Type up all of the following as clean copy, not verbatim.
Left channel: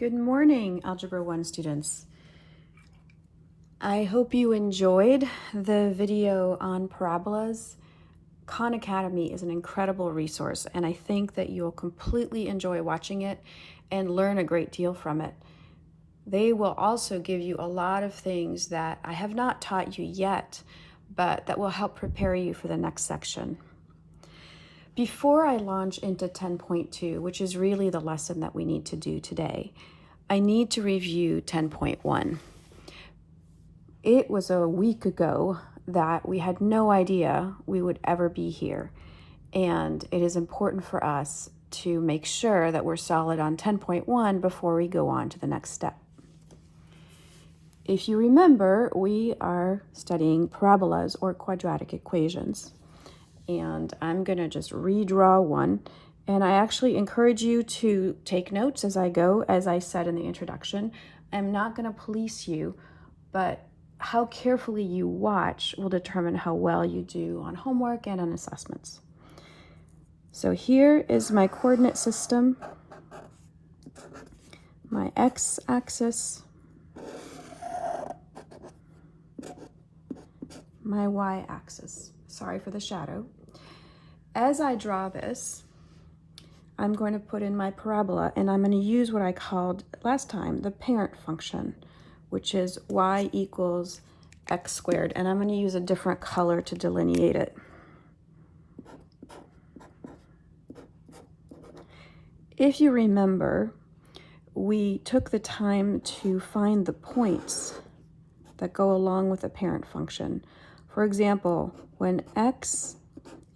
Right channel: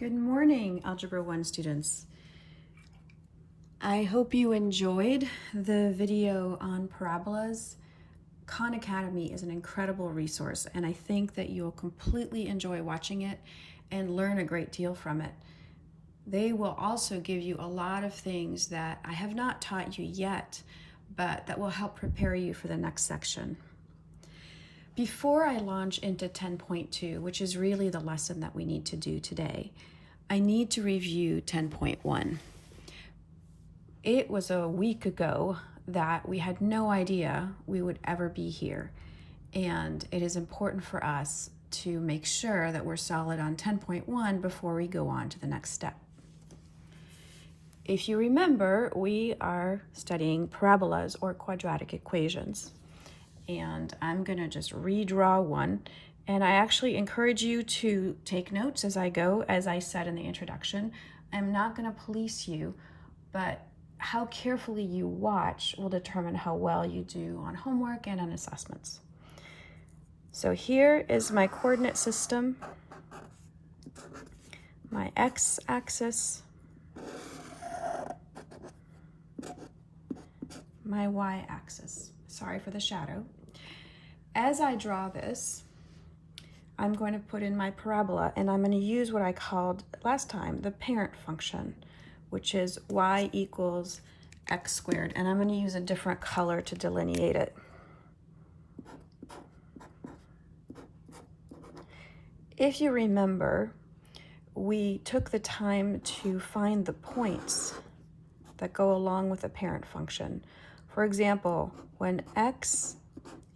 Good morning, Algebra 1 students. I hope you enjoyed the video on parabolas. Khan Academy is an incredible resource, and I think that you'll completely enjoy watching it and learn a great deal from it. They will also give you a lot of things that I have not taught you yet, but that will help prepare you for the next section. Before I launch into 10.2, which is really the lesson that we need to do today, I need to review 10.1. It was a week ago that we had no idea we would ever be here, and it is important for us to make sure that we're solid on 10.1 before we go on to the next step. If you remember, we are studying parabolas or quadratic equations. And I'm gonna just redraw one. And I actually encourage you to take notes as I go. As I said in the introduction, I'm not gonna police you, but how carefully you watch will determine how well you do on homework and on assessments. So here is my coordinate system, my x-axis, my y-axis. Sorry for the shadow. As I draw this, I'm going to put in my parabola, and I'm going to use what I called last time the parent function, which is y equals x squared, and I'm going to use a different color to delineate it. If you remember, we took the time to find the points that go along with the parent function. For example, when x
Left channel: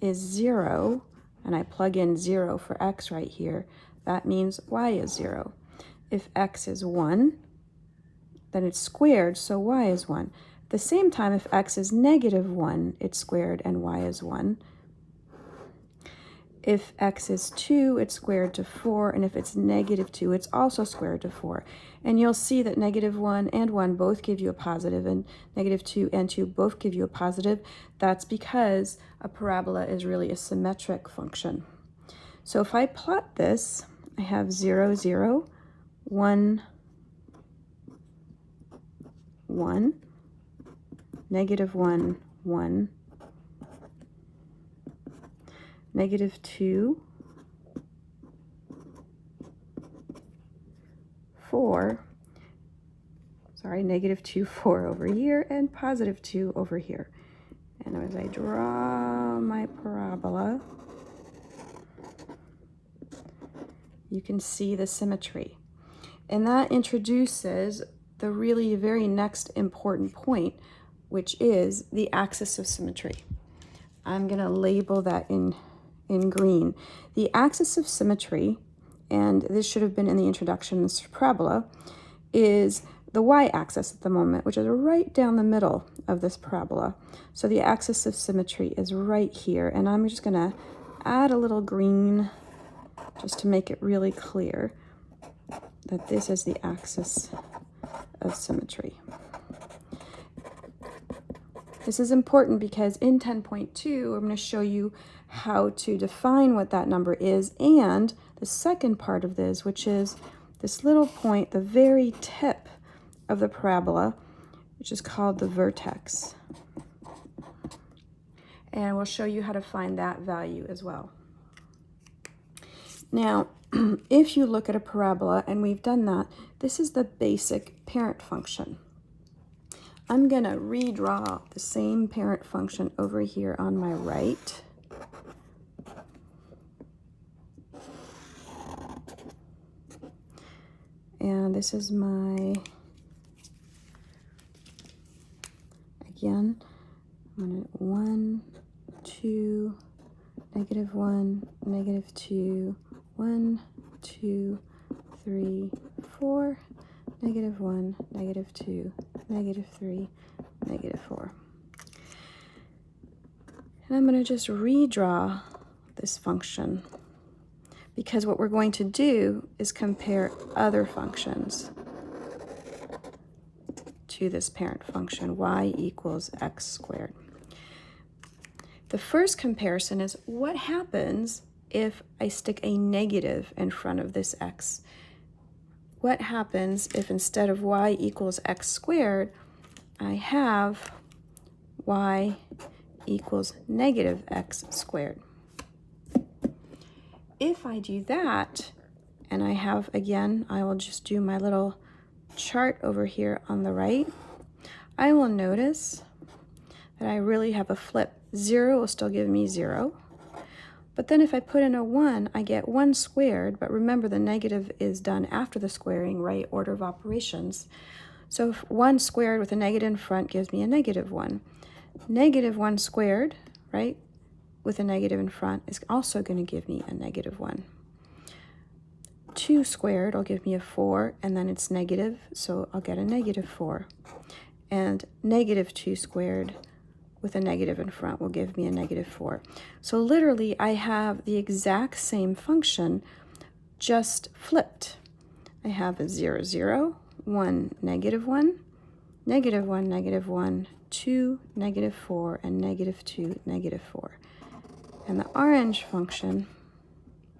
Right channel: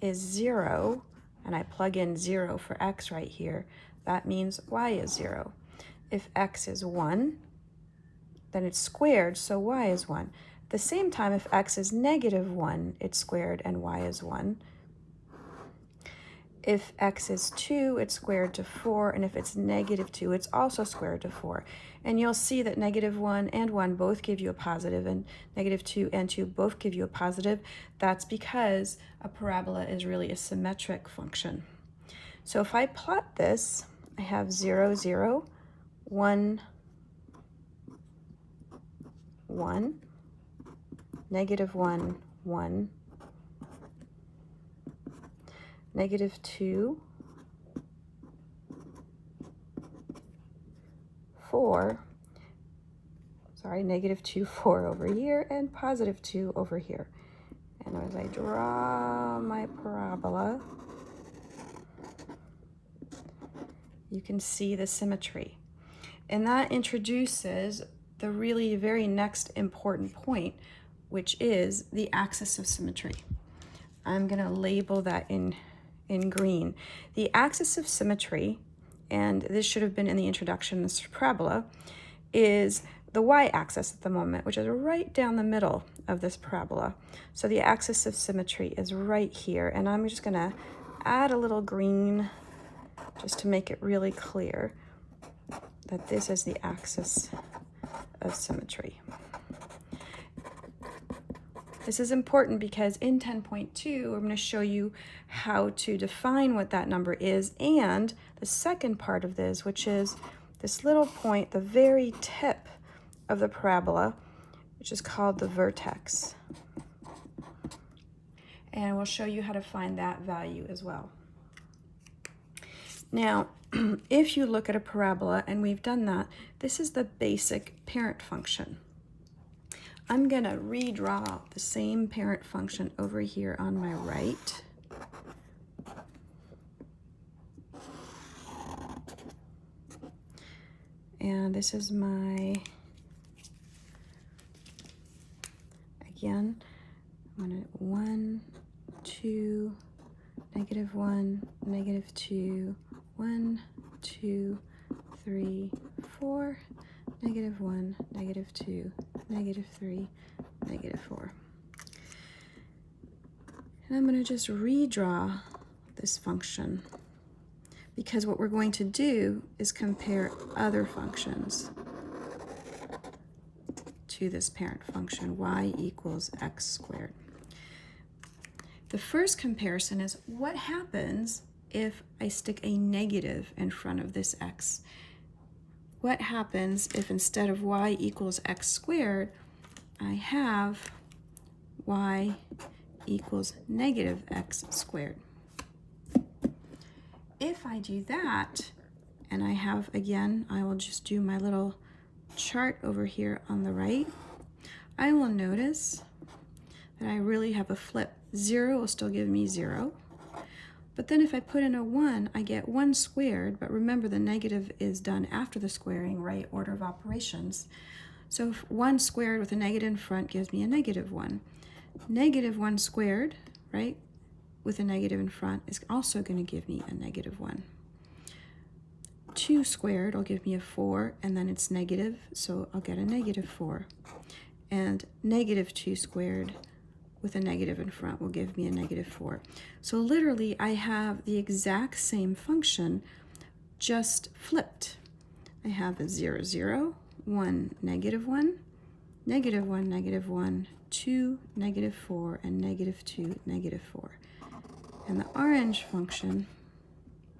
is 0, and I plug in 0 for x right here, that means y is 0. If x is 1, then it's squared, so y is 1. At the same time, if x is -1, it's squared and y is 1. If x is 2, it's squared to 4, and if it's -2, it's also squared to 4. And you'll see that -1 and 1 both give you a positive, and -2 and 2 both give you a positive. That's because a parabola is really a symmetric function. So if I plot this, I have 0, 0, 1, 1, -1, 1, -2, 4, sorry, -2, 4 over here, and +2 over here. And as I draw my parabola, you can see the symmetry. And that introduces the really very next important point, which is the axis of symmetry. I'm going to label that in green. The axis of symmetry, and this should have been in the introduction, this parabola, is the y-axis at the moment, which is right down the middle of this parabola. So the axis of symmetry is right here, and I'm just going to add a little green just to make it really clear that this is the axis of symmetry. This is important because in 10.2, I'm going to show you how to define what that number is, and the second part of this, which is this little point, the very tip of the parabola, which is called the vertex. And we'll show you how to find that value as well. Now, if you look at a parabola, and we've done that, this is the basic parent function. I'm going to redraw the same parent function over here on my right. And this is my, again, 1, 2, -1, -2, 1, 2, 3, 4, -1, -2, -3, -4. And I'm going to just redraw this function, because what we're going to do is compare other functions to this parent function, y equals x squared. The first comparison is what happens if I stick a negative in front of this x. what happens if instead of y equals x squared, I have y equals negative x squared. If I do that, and I have, again, I will just do my little chart over here on the right, I will notice that I really have a flip. 0 will still give me 0. But then if I put in a 1, I get 1 squared, but remember the negative is done after the squaring, right? Order of operations. So 1 squared with a negative in front gives me a negative 1. Negative 1 squared, right, with a negative in front is also going to give me a negative 1. 2 squared will give me a 4, and then it's negative, so I'll get a negative 4. And negative 2 squared with a negative in front will give me a negative 4. So literally, I have the exact same function, just flipped. I have a 0, 0, 1, negative 1, negative 1, negative 1, 2, negative 4, and negative 2, negative 4. And the orange function,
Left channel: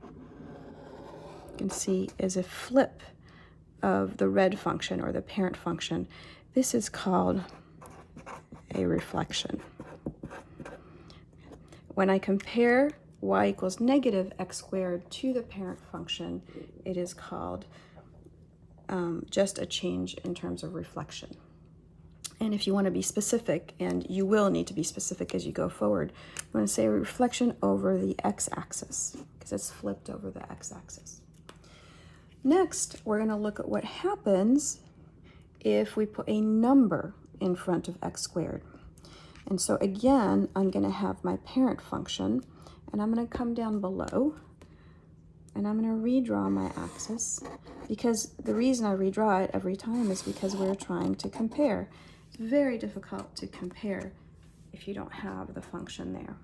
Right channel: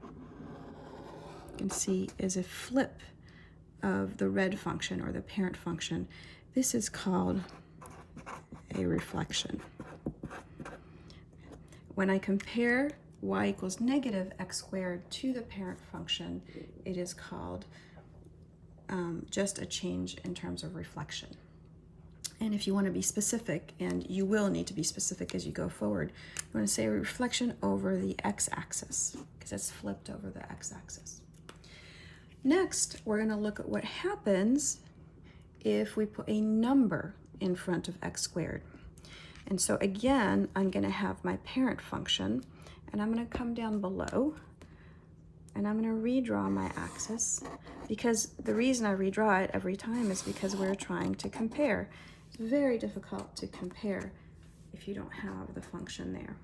you can see, is a flip of the red function or the parent function. This is called a reflection. When I compare y equals negative x squared to the parent function, it is called just a change in terms of reflection. And if you want to be specific, and you will need to be specific as you go forward, you want to say reflection over the x-axis, because it's flipped over the x-axis. Next, we're going to look at what happens if we put a number in front of x squared. And so again, I'm going to have my parent function, and I'm going to come down below, and I'm going to redraw my axis, because the reason I redraw it every time is because we're trying to compare. It's very difficult to compare if you don't have the function there.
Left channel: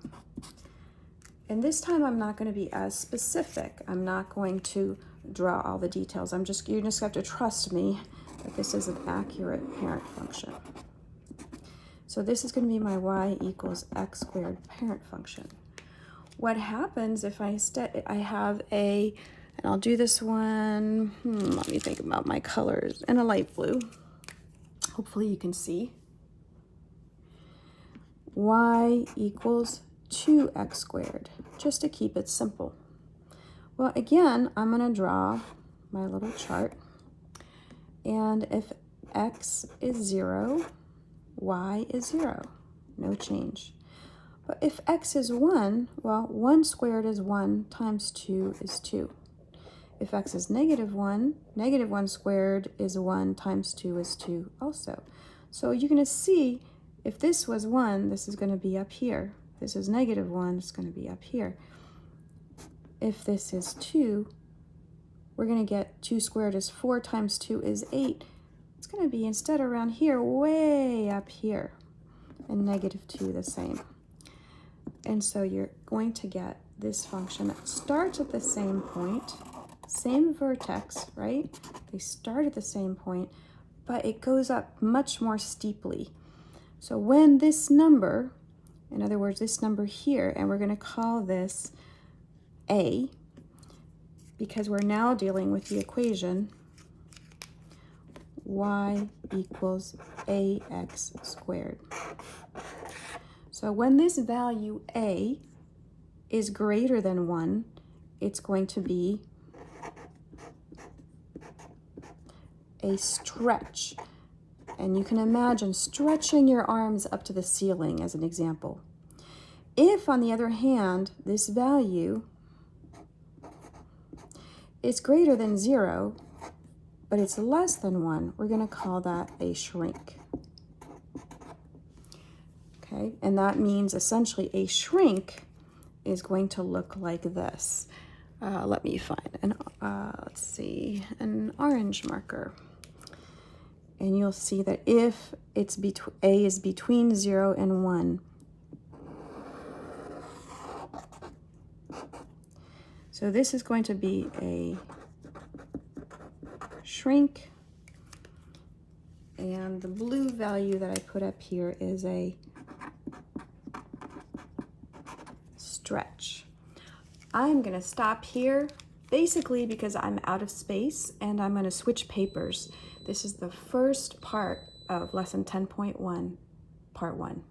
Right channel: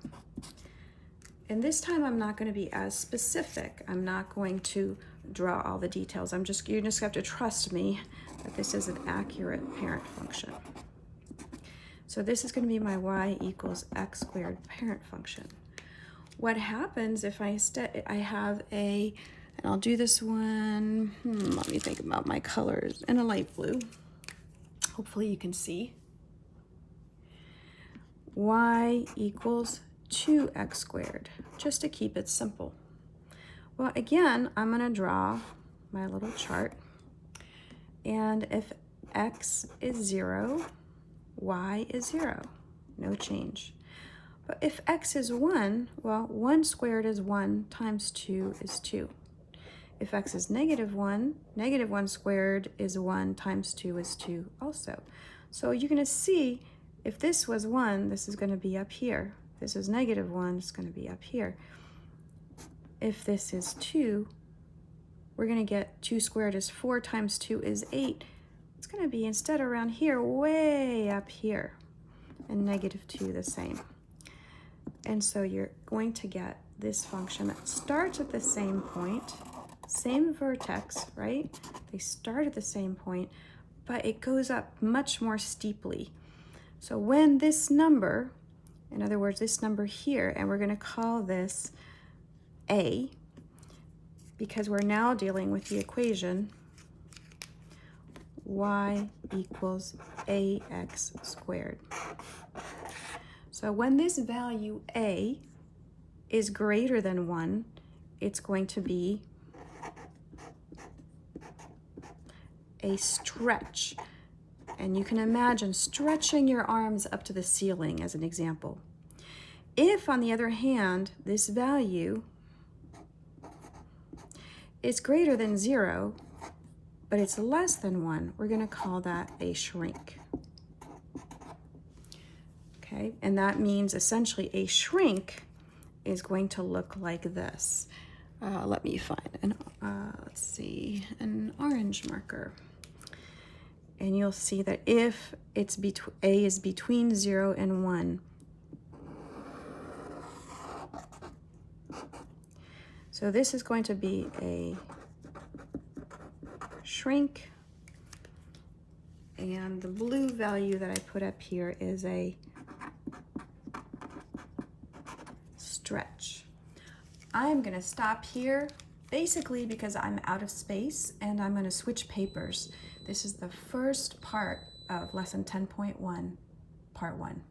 And this time I'm not going to be as specific. I'm not going to draw all the details. You just have to trust me that this is an accurate parent function. So this is going to be my y equals x squared parent function. What happens if I have a, and I'll do this one, let me think about my colors, and a light blue. Hopefully you can see. Y equals 2x squared, just to keep it simple. Well, again, I'm going to draw my little chart, and if x is 0, y is 0, no change. But if x is 1, well, 1 squared is 1 times 2 is 2. If x is negative 1, negative 1 squared is 1 times 2 is 2 also. So you're going to see if this was 1, this is going to be up here. If this is negative 1, it's going to be up here. If this is 2, we're going to get 2 squared is 4 times 2 is 8. It's going to be, instead around here, way up here. And negative 2 the same. And so you're going to get this function that starts at the same point, same vertex, right? They start at the same point, but it goes up much more steeply. So when this number, in other words, this number here, and we're going to call this a, because we're now dealing with the equation y equals ax squared. So when this value a is greater than 1, it's going to be a stretch. And you can imagine stretching your arms up to the ceiling as an example. If, on the other hand, this value is greater than 0, but it's less than 1, we're going to call that a shrink. Okay, and that means essentially a shrink is going to look like this. Let me find let's see, an orange marker. And you'll see that if it's a is between 0 and 1, so this is going to be a shrink, and the blue value that I put up here is a stretch. I'm going to stop here basically because I'm out of space and I'm going to switch papers. This is the first part of lesson 10.1, part 1.